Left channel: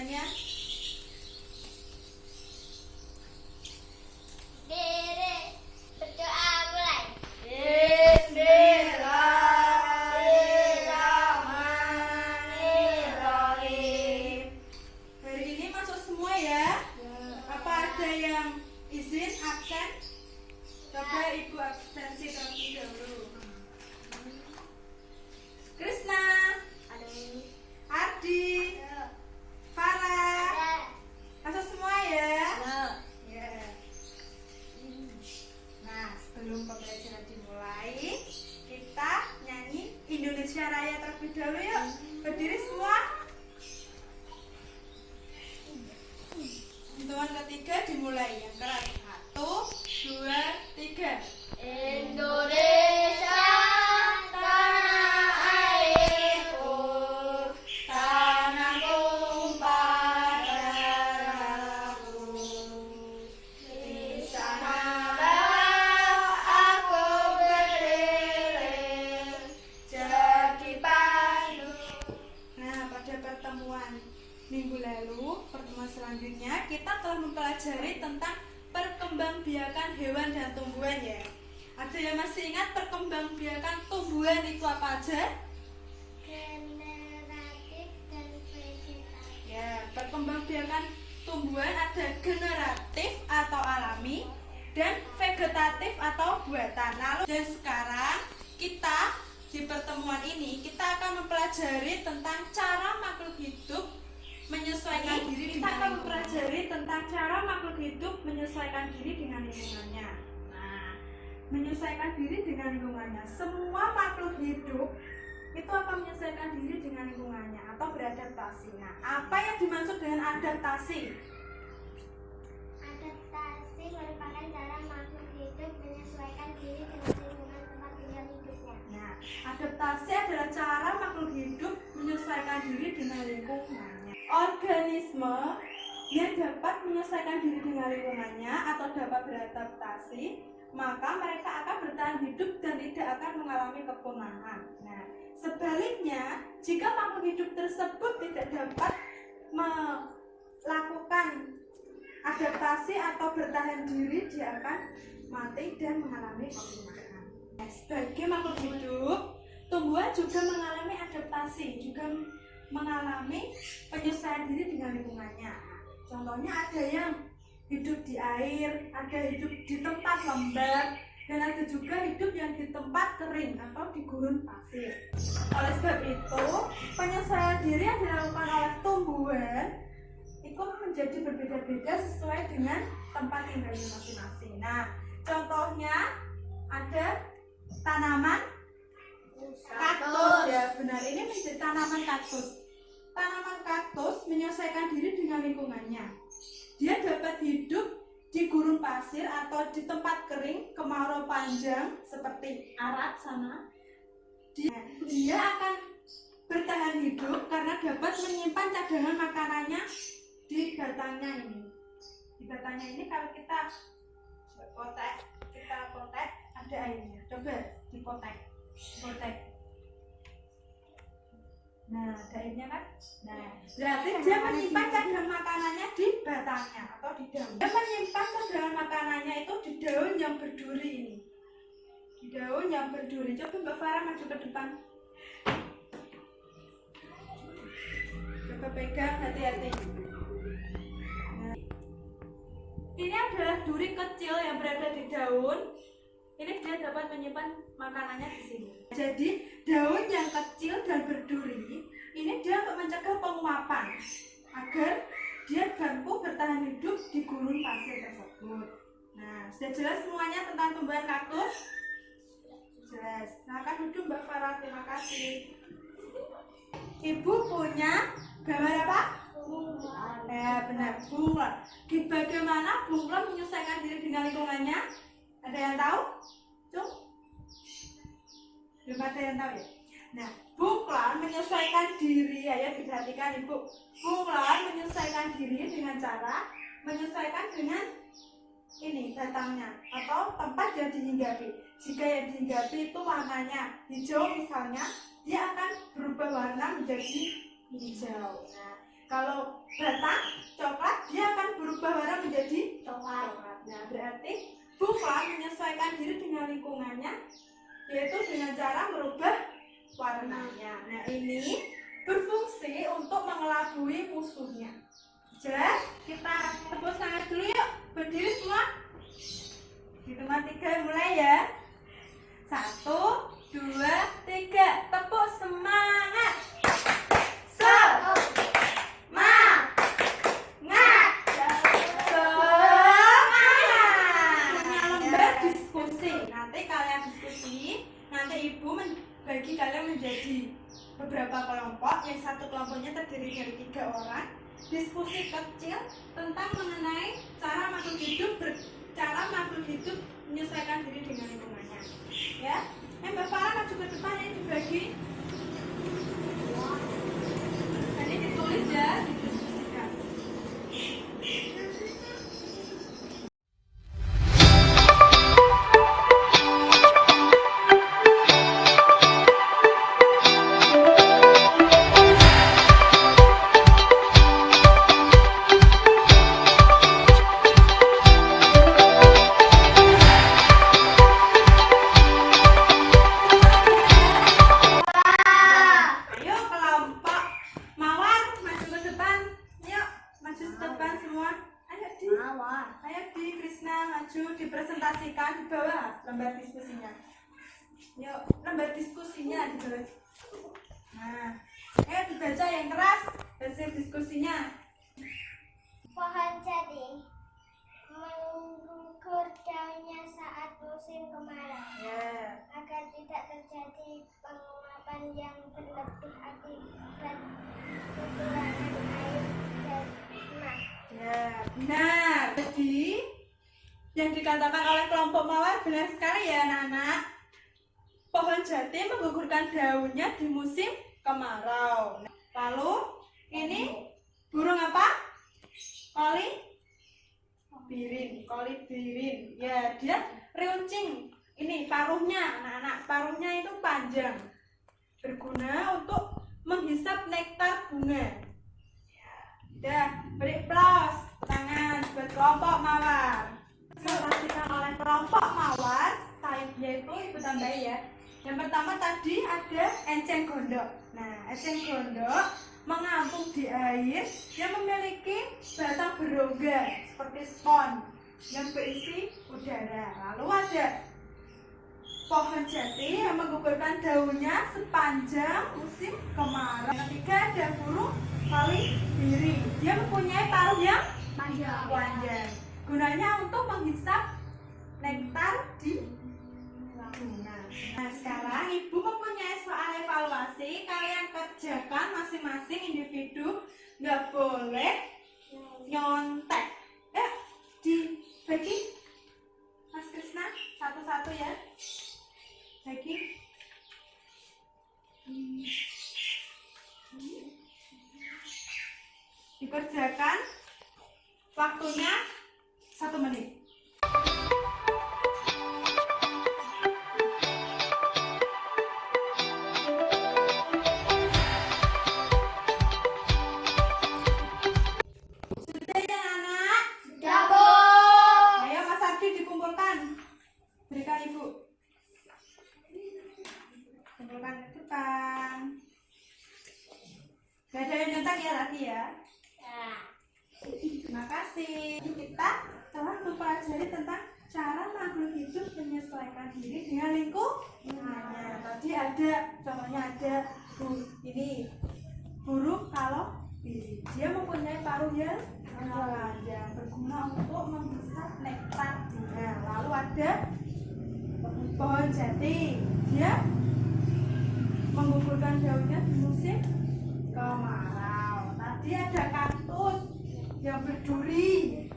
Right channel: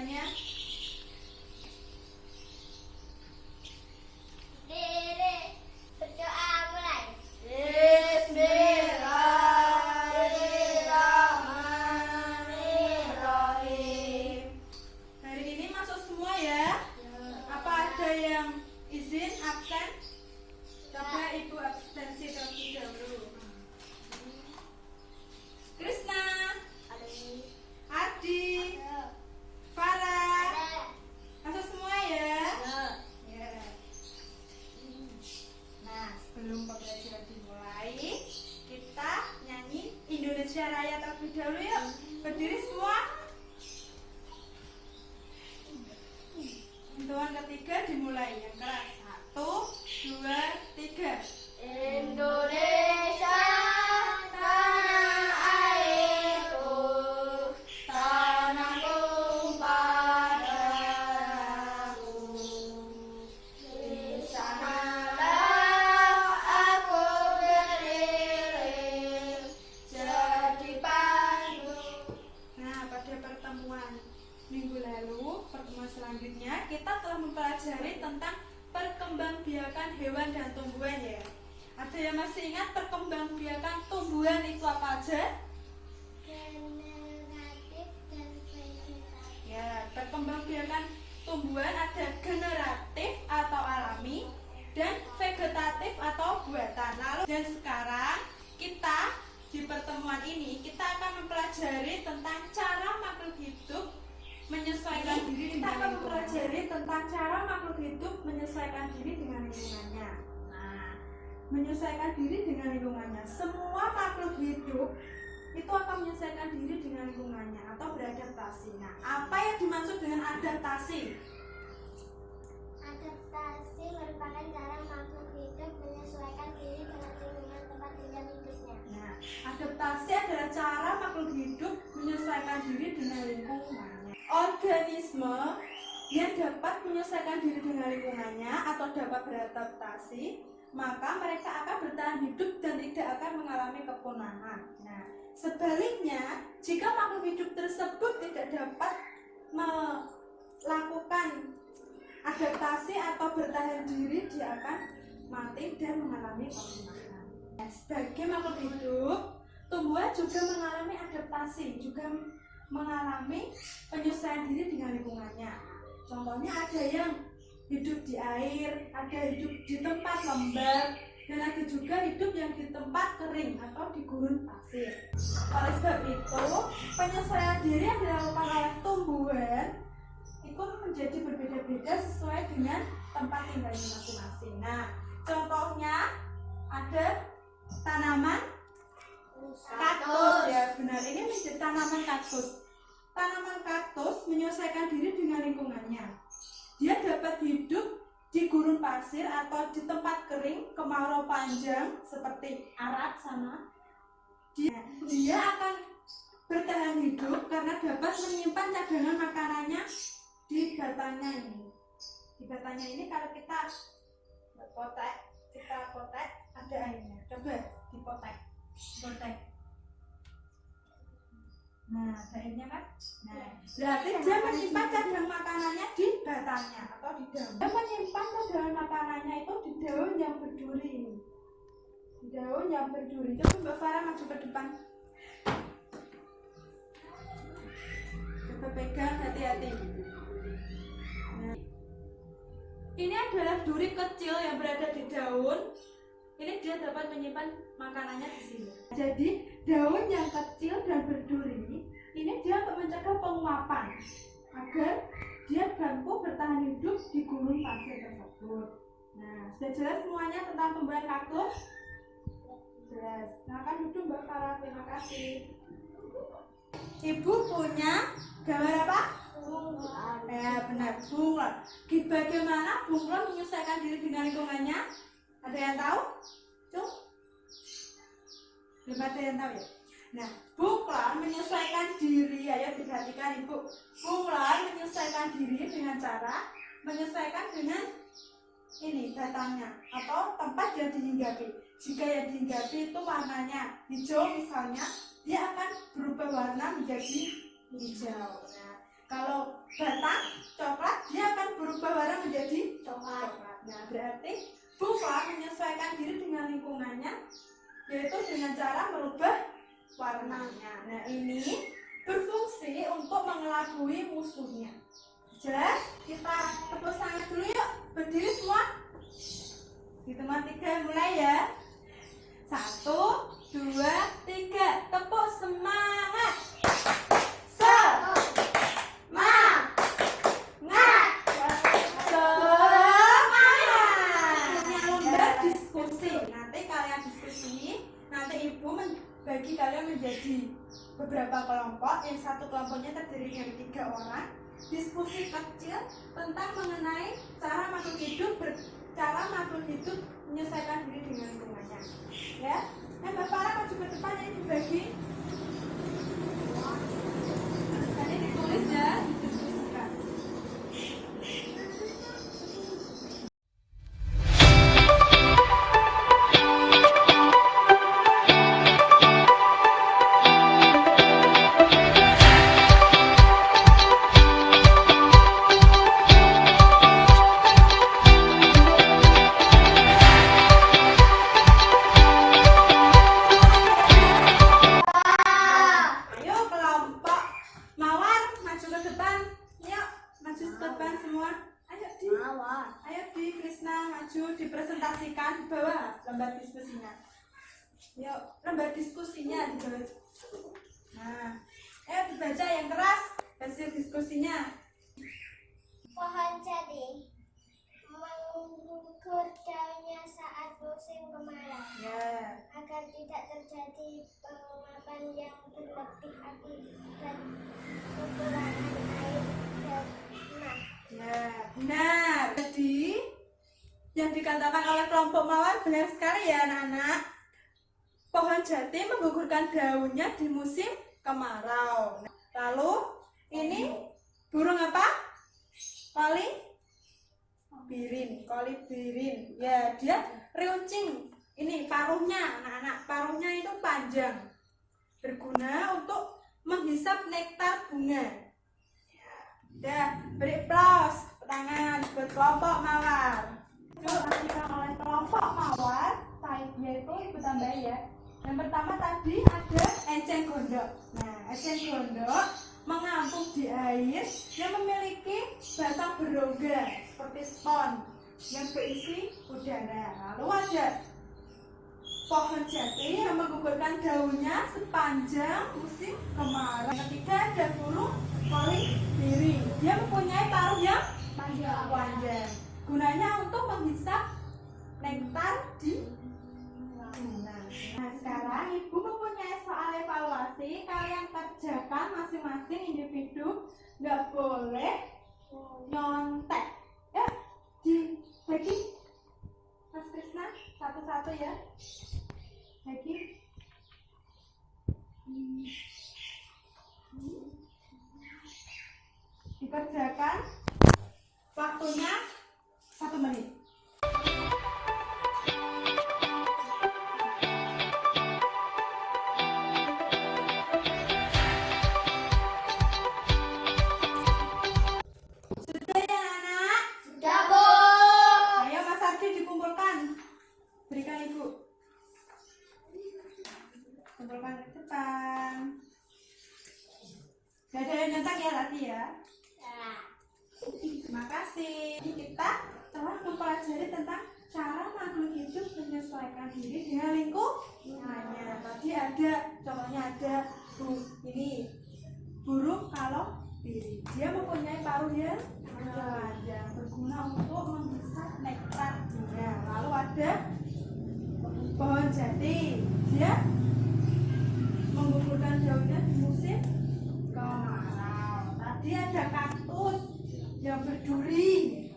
semuanya. Diri, berdoa mulai. Bismillahirrahmanirrahim. Hari ini masuk semua ya? Apa ada yang izin absen? Coba ibu absensi terlebih dahulu. Krisna, Ardi, Farah, masuk semua ya? Ya. Nah, sebelum pembelajaran dimulai, kita nyanyi Indonesia Raya terlebih dahulu yuk. Berdiri semua. Hitungan ketiga dimulai. Yang keras. 1, 2, 3. Indonesia, tanah airku, Tanah tumpah darahku. di sanalah aku berdiri, jadi pandu. Nah, pada pertemuan minggu lalu, pertemuan selanjutnya, kita telah mempelajari tentang perkembangbiakan hewan dan tumbuhan ya. Ada yang masih ingat perkembangbiakan tumbuhan itu apa aja? Generatif dan vegetatif. Ya, perkembangbiakan tumbuhan ada generatif atau alami dan vegetatif atau buatan. Lalu dan sekarang kita di pertemuan ini kita akan mempelajari tentang cara makhluk hidup menyesuaikan diri dengan lingkungannya. Nah, menyesuaikan diri dengan lingkungannya. Semua makhluk hidup itu akan menyesuaikan diri dengan lingkungannya atau beradaptasi. Nah, apa yang dimaksud dengan adaptasi? Adaptasi merupakan cara makhluk hidup menyesuaikan diri dengan lingkungan tempat tinggal hidupnya. Nah, adaptasi adalah cara makhluk hidup menyesuaikan diri dengan lingkungannya. Organisme yang dapat menyesuaikan diri dengan lingkungannya atau dapat beradaptasi, maka mereka akan bertahan hidup dan tidak akan mengalami kepunahan. Nah, sebaliknya, jika makhluk hidup tersebut tidak dapat melakukan adaptasi atau bertahan diri, dia akan mati dan mengalami kepunahan. Nah, sebagai makhluk hidup, tumbuhan juga mengalami adaptasi, juga mengalami penyesuaian diri dengan lingkungannya. Contohnya ada yang hidup di air, ada hidup di tempat lembab, dan ada juga hidup yang di tempat kering atau di gurun pasir. Oleh sebab itu, penyesuaian diri yang dilakukan oleh tumbuhan itu menjadi berbeda-beda sesuai dengan tempat tinggalnya masing-masing. Nah, contohnya ada tanaman kaktus ya, benar, ini menjadi tanaman kaktus. Tanaman kaktus menyesuaikan diri dengan lingkungannya. Dia dapat hidup di gurun pasir atau di tempat kering, kemarau panjang seperti Arab sana. Dia akan bertahan hidup karena dapat menyimpan cadangan makanannya di batangnya ini. Di batangnya ini kalau kita potek ada airnya. Coba dipotek. Nah, ada airnya kan? Nah, berarti dia menyimpan cadangan makanannya di batangnya atau di daun. Dia menyimpan cadangan makanannya itu di daun yang berduri ini. Di daun yang berduri. Coba Mbak Farah maju ke depan. Coba pegang, hati-hati. Nah, ini adalah duri kecil yang berada di daun. Ini dia dapat menyimpan makanannya di sini. Jadi daun yang kecil dan berduri ini dia untuk mencegah penguapan agar dia mampu bertahan hidup di gurun pasir tersebut. Nah, sudah jelas semuanya tentang tumbuhan kaktus? Jelas. Silakan duduk Mbak Farah, terima kasih. Ibu punya gambar apa? Bunglon. Ya benar, bunglon. Bagaimana bunglon menyesuaikan diri dengan lingkungannya? Ada yang tahu? Tuh, belum ada yang tahu ya. Nah, bunglon menyesuaikan diri, ya diperhatikan ibu. Bunglon menyesuaikan diri dengan cara menyesuaikan dengan ini batangnya atau tempat yang dihinggapi. Jika yang dihinggapi itu warnanya hijau misalnya, dia akan berubah warna menjadi hijau. Nah, Kalau batang coklat dia akan berubah warna menjadi Coklat. Nah, berarti bufar menyesuaikan diri dengan lingkungannya, yaitu dengan cara merubah warnanya. Nah, ini berfungsi untuk mengelabui musuhnya. Jelas? Kita tepuk tangan dulu yuk. Berdiri semua. Hitungan 3 mulai ya. 1, 2, 3. Tepuk semangat. Bagi kalian menjadi beberapa kelompok, yang satu kelompoknya terdiri dari 3 orang. Diskusi kecil tentang mengenai cara makhluk hidup menyesuaikan diri dengan lingkungannya. Ya, Mbak Farah maju ke depan, ini dibagi. Ini ditulis ya, didiskusikan. Dipresentasikan di bawah lembar diskusinya. Yuk, lembar diskusinya di bawah. Nah, dibaca yang keras hasil diskusinya. Pohon jati menggugur daunnya saat musim kemarau. Ya. Agar tidak terjadi penguapan yang berlebih akibat kekurangan air dan mah. Ya, benar. Jadi yang dikatakan oleh kelompok mawar benar sekali ya anak-anak. Pohon jati menggugurkan daunnya di musim kemarau. Lalu ini burung apa? Kolibirin. Ya, dia runcing. Ini paruhnya anak-anak. Paruhnya itu panjang. Berguna untuk menghisap nektar bunga. Ya, beri aplaus tangan buat kelompok mawar. Disampaikan oleh kelompok mawar, yaitu ibu tambahin ya. Yang pertama tadi ada enceng gondok. Nah, enceng gondok mengapung di air yang memiliki batang berongga seperti spons yang berisi udara. Lalu ada pohon jati yang menggugurkan daunnya sepanjang musim kemarau. Yang ketiga ada burung kolibirin. Dia mempunyai paruh yang panjang. Gunanya untuk menghisap nektar di bunga. Nah, sekarang ibu mempunyai soal evaluasi. Kalian kerjakan masing-masing individu, nggak boleh nyontek. Dibagi, Mas Krisna, satu-satu ya. Bagi. Dikerjakan. Waktunya 1 menit. Sudah ya anak? Sudah, Bu. Ayo Mas Ardi dikumpulkan. Berikan ibu. Kumpulkan ke depan. Gak ada yang nyetak ya tadi ya? Terima kasih. Kita telah mempelajari tentang cara makhluk hidup menyesuaikan diri dengan lingkungannya. Tadi ada, contohnya ada ini burung kolibirin. Dia mempunyai paruh yang panjang, berguna untuk menghisap nektar bunga. Lalu ada pohon jati. Dia menggugurkan daunnya di musim kemarau. Tadi ada kaktus yang berduri.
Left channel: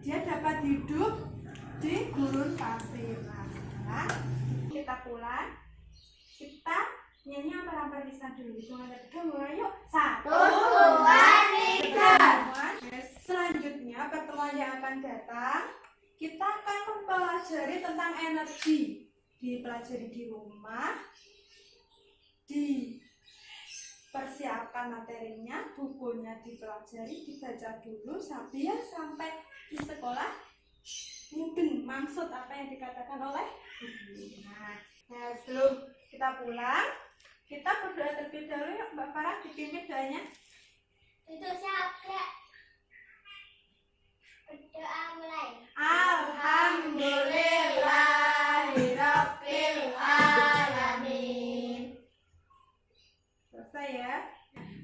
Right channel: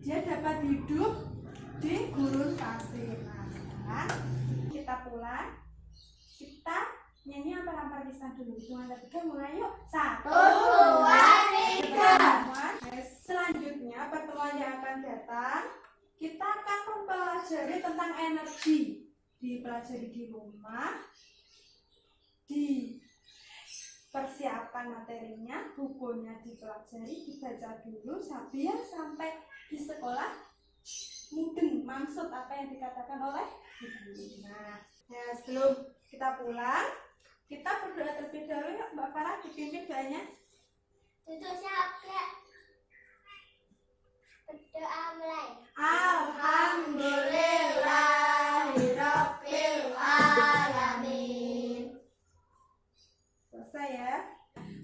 Dia dapat hidup di gurun pasir. Nah, sekarang kita pulang. Kita nyanyi apa-apa lisan dulu. Hitungan 3 mulai yuk. 1, 2, 3. Selanjutnya pertemuan yang akan datang, kita akan mempelajari tentang energi. Dipelajari di rumah, dipersiapkan dibacakan materinya, bukunya dipelajari, dibaca dulu biar sampai di sekolah mungkin maksud apa yang dikatakan oleh guru. Nah, sebelum kita pulang, kita berdoa terlebih dahulu ya Mbak Farah, dipimpin doanya. Duduk siap, Kak. Berdoa mulai. Alhamdulillahirabbil alamin. Selesai ya.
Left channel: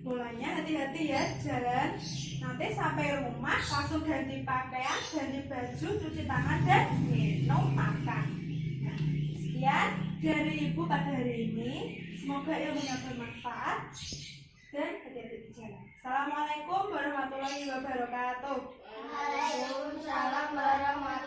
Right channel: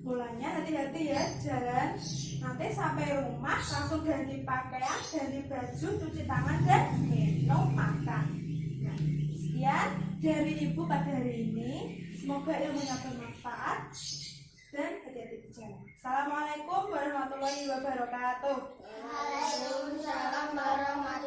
Mulanya hati-hati ya jalan. Nanti sampai rumah langsung ganti pakaian, ganti baju, cuci tangan dan minum makan. Nah, sekian dari Ibu pada hari ini. Semoga ilmunya bermanfaat dan hati-hati di jalan. Assalamualaikum warahmatullahi wabarakatuh. Waalaikumsalam warahmatullahi